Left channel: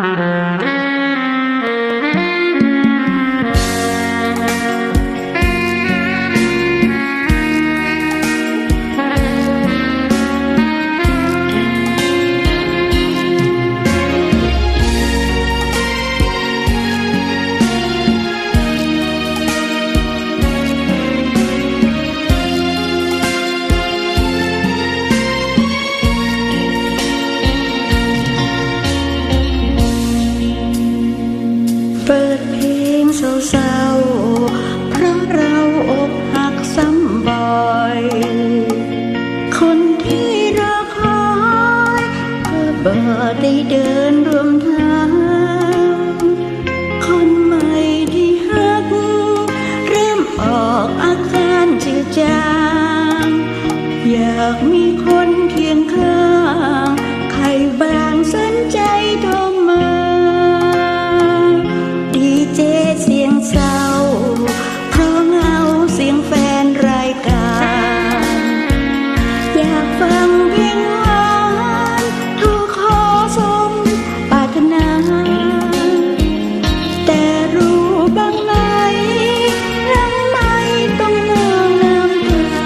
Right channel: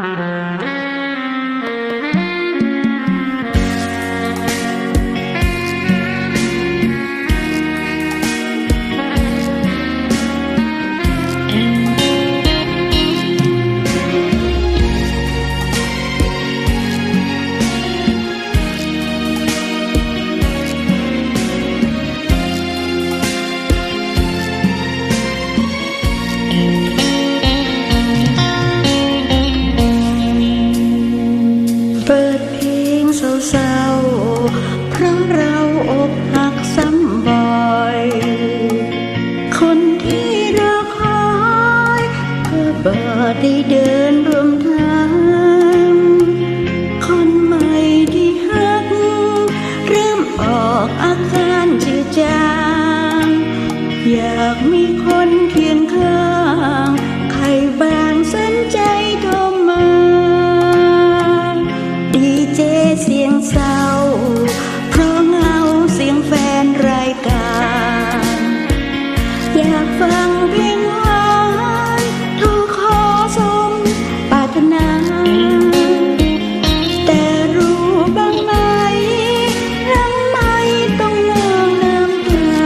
เปิดเพลงเศร้าๆ เพราะเราอกหักซ้ำบ่อย คนที่รอคอยก็บ่ได้เดินรวมทาง คนใหม่ที่หัก เริ่มออกอาการจืดจาง อยากมีคนเคียงข้าง ใครบางสนใจโทรมา สียงเศร้า เพราะเงาเสียงแฟนรายการ อยากฟังเพลงหวานโทรขอสมปรารถนา แต่รู้บ้างไหมรังไม่ต้องนองน้ำตา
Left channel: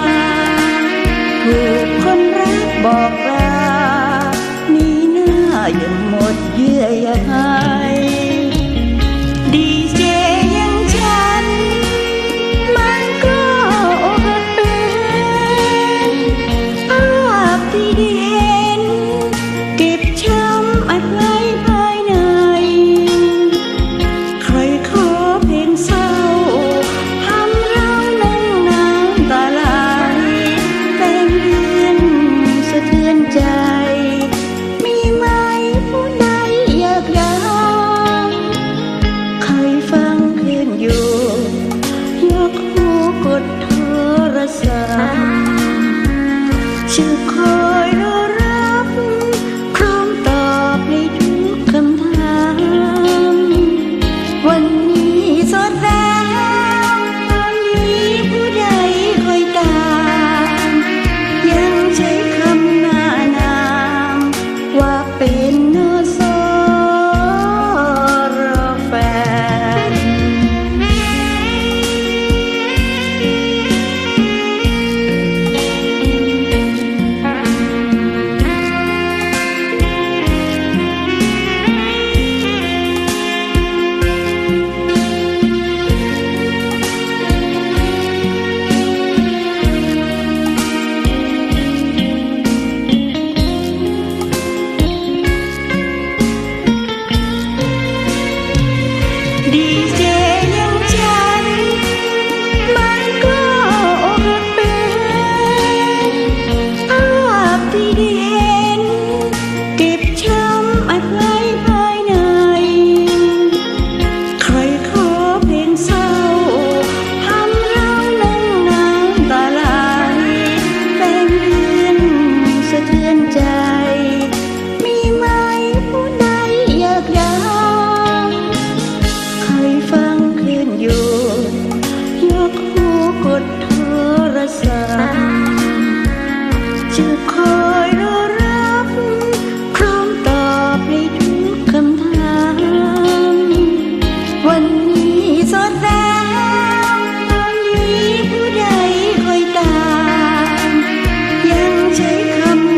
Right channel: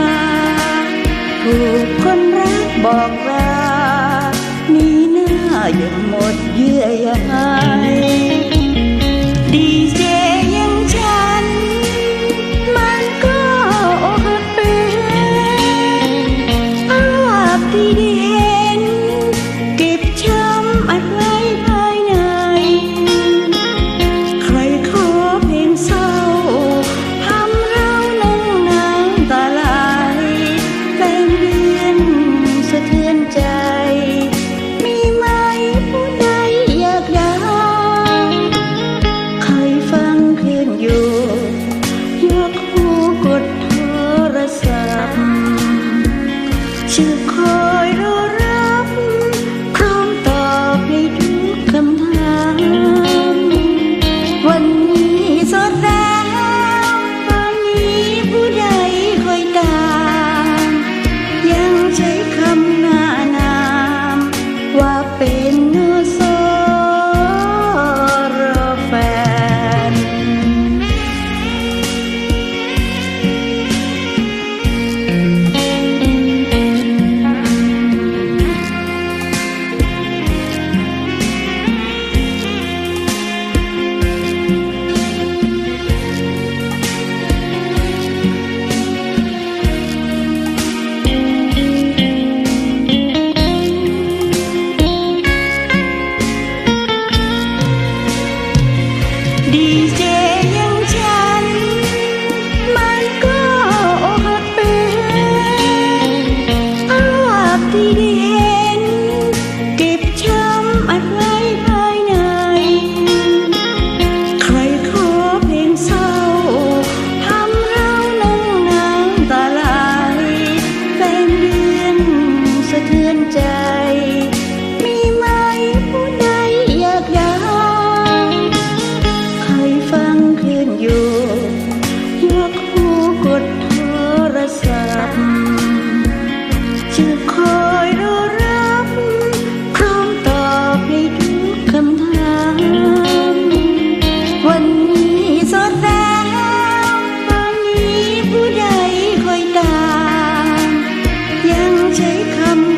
ถูกคนรักบอกลาหนี่หน้ายังหมดเยื่อใย ดีเจยังฉัน มันก็อกหักเป็นภาพที่ได้เห็น เก็บช้ำอัดไว้ภายใน ใครขอเพลงเศร้าทำเรานั่งน้ำตาไหลแฟนเดือนสะเทือนใจืนอยู่ยกหูกดโทรศัพท์ชื่อคอยรอรับพร้อมตอบให้ทุกคำถาม วันนี้สดแล้ ดีเจอยังฉัน มันก็อกเป็นภาพที่ได้เห็น เก็บช้ำอัดไว้ภายใน ใครขอเพลงเศร้าทำเรานั่งน้ำตาไหลแฟนเดือนสะเทือนใจ ฟังคืนอยู่ ยกหูกดโทรศัพท์จะคอยรอรับ พร้อมตอบให้ทุกคำถาม วันนี้สดแล้วตอนนี้ผู้ใดคอยตาม ยังใช้คำ